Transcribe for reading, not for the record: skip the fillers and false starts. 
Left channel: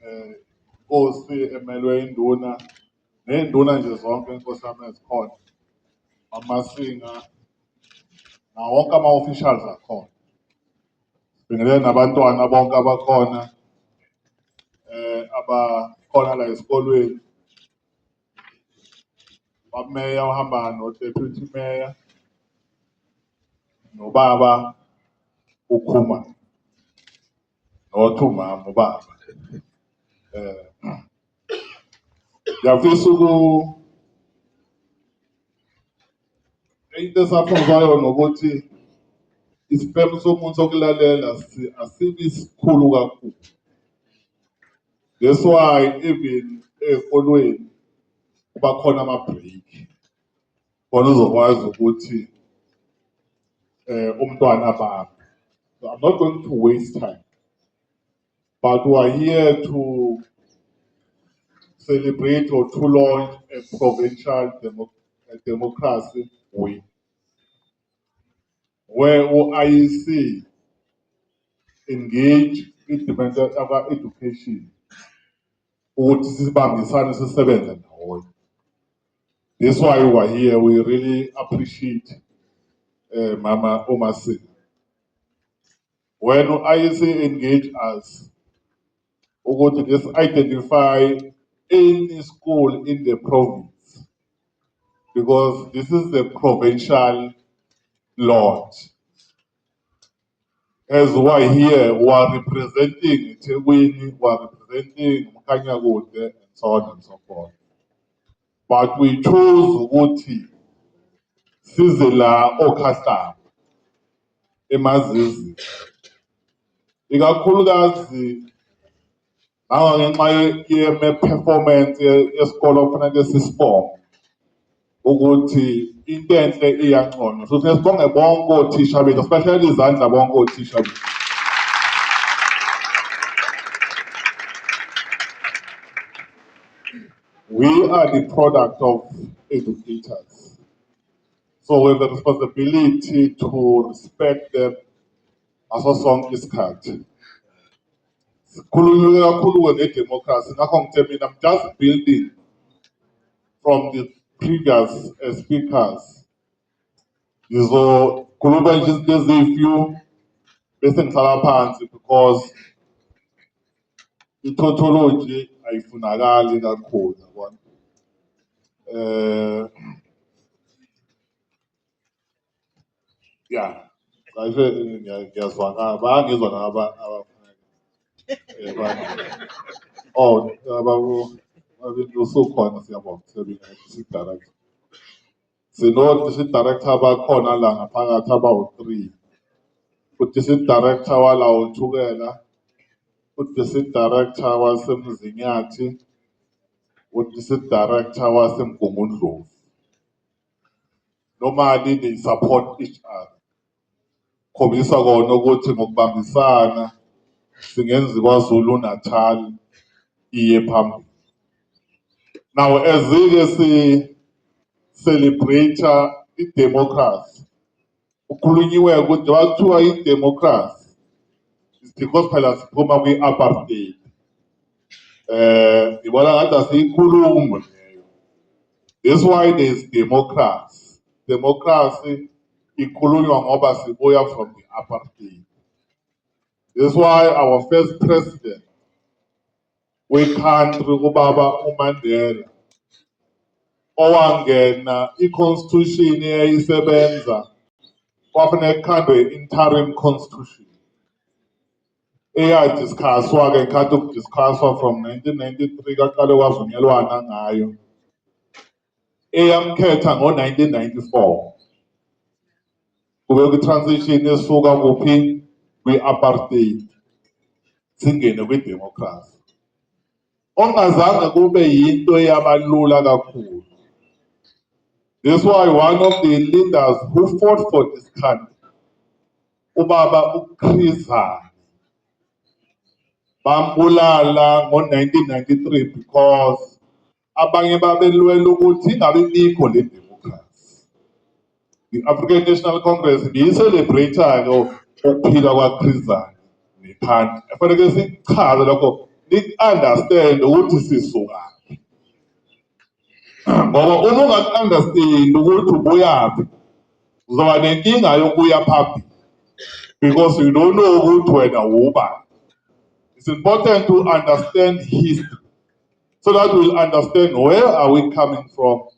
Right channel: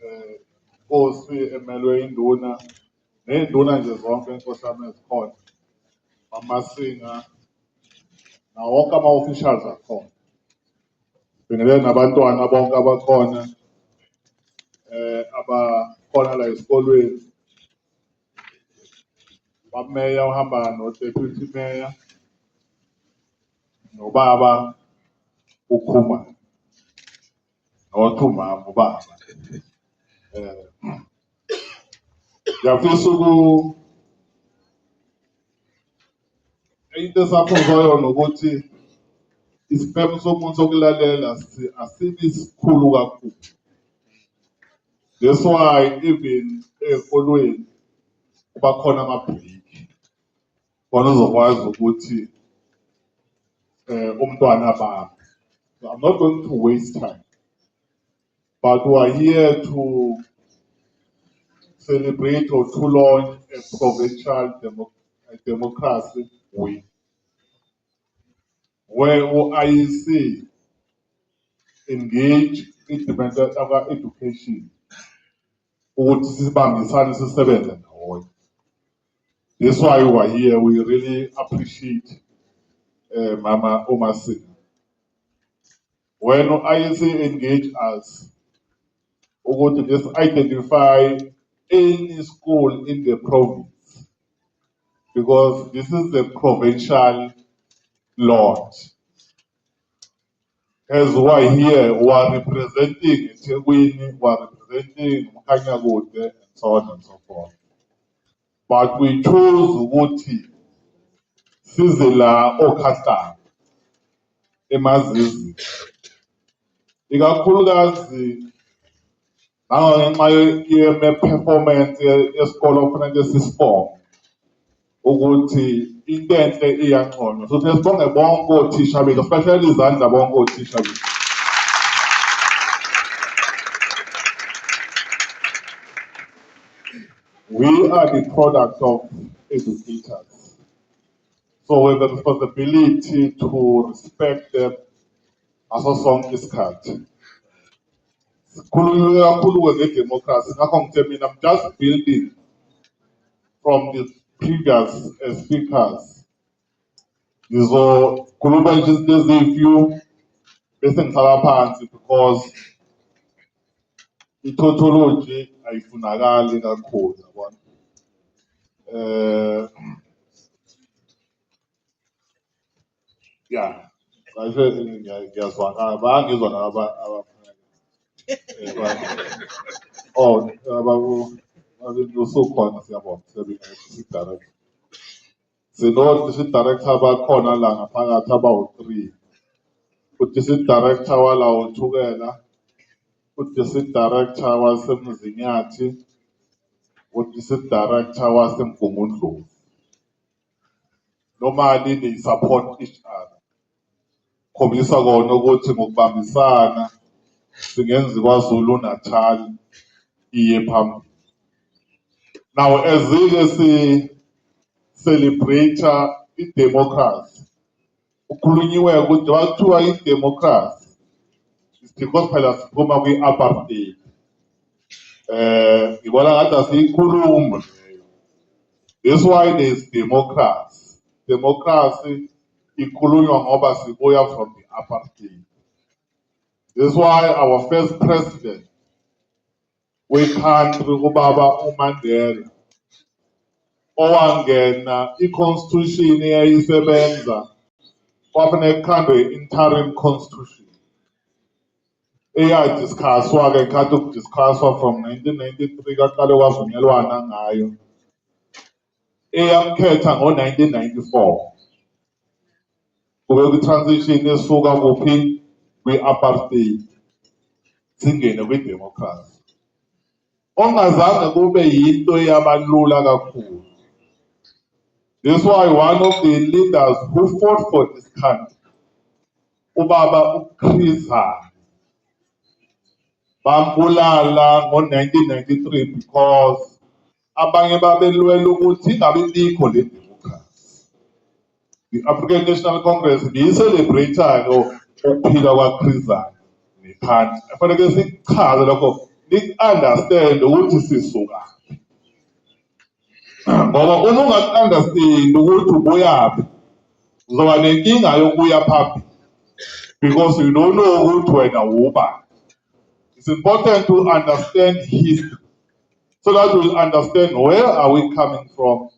Nkosi emelwe induna ney'nduna nje zonke enkosana ezikhona, amasinga nawo wonke ama-officials akhona. Sibingelele nabantwana bonke abakhona abakhona la esikolweni. Bameya ohamba no-deputy mayor nobaba ukhuma nothi umama ubaba. Ngiyafisa into esakhuzwayo nokuthi isiphemu somuntu sokulalela asibi sikhulu kakhulu. That's why even ey'kolweni kuba khona ama-break khona uzokwazi ukuthi umntwana abambe. So I'm not going to waste time, but we are here to celebrate or to launch a provincial democracy week, where IEC engage in the education ukuthi sibambisane sisebenze ndawonye. That's why we are here. We really appreciate Mama Omasi. When IEC engage us, we go to just identify any school in the province, because this is the provincial launch. As we are here, we are representing eThekwini, we are representing Mkhanyakude, and so on and so forth. But we chose ukuthi size la oKhastama eMazizi, ikakhulukazi ngenxa ye-performance yesikole kufanele sisibonge ukuthi into enhle iyanconywa. So sibonge bonke othisha bethu, especially izandla bonke othisha bethu. We are the product of educators. So we have the responsibility to respect them aso sonke isikhathi. Sikhuluma kakhulu nge-democracy, ngakho ngithe mina I'm just building from the previous speakers. Ngizokhuluma nje izinto eziyifew bese ngihlala phansi because i-tautology ayifunakali kakhulu. Yeah, ngiyazwakala, bayangizwa naba oh, usukhona siyabonga, director. District director abakhona la ngaphakathi abawu-3. U-district director wala uThukela, u-district director waseMzinyathi, u-district director waseMgungundlovu. Normally they support each other. Khombisa kona ukuthi ngokubambisana singenza kwaZulu Natal iye phambili. Now as we celebrate i-democracy, ukhulunyiwe ukuthi wathiwa i-democracy is because phela siphuma kwi-apartheid. Ngibona ngathi asiyikhuluma. That's why there is democracy. Democracy ikhulunywa ngoba sibuya from the apartheid. That's why our first president we-country ubaba uMandela owangena i-constitution eyayisebenza kwafuneka kukhandwe i-interim constitution eyadiscusswa-ke ikhathi ukudiscusswa from 1993 kaqale kwavunyelwana ngayo eyamkhetha ngo-1994 kube kwi-transition esuka kuphi kwi-apartheid singene kwi-democracy. Ongazange kube yinto yabalula kakhulu. That's why one of the leaders who fought for this country, ubaba uChris Hani, bambulala ngo-1993 because abanye babelwela ukuthi ingabe ibikho le democracy. The African National Congress biyicelebrate-ke ukuphila kwaChris Hani nephansi. Kufanele sikuchaze lokho nik-understand ukuthi sisuka. Ngoba uma ungaku-understand ukuthi ubuyaphi, uzoba nenkinga yokuya phambili because you don't know ukuthi wena ubani. It's important to understand history so that we'll understand where are we coming from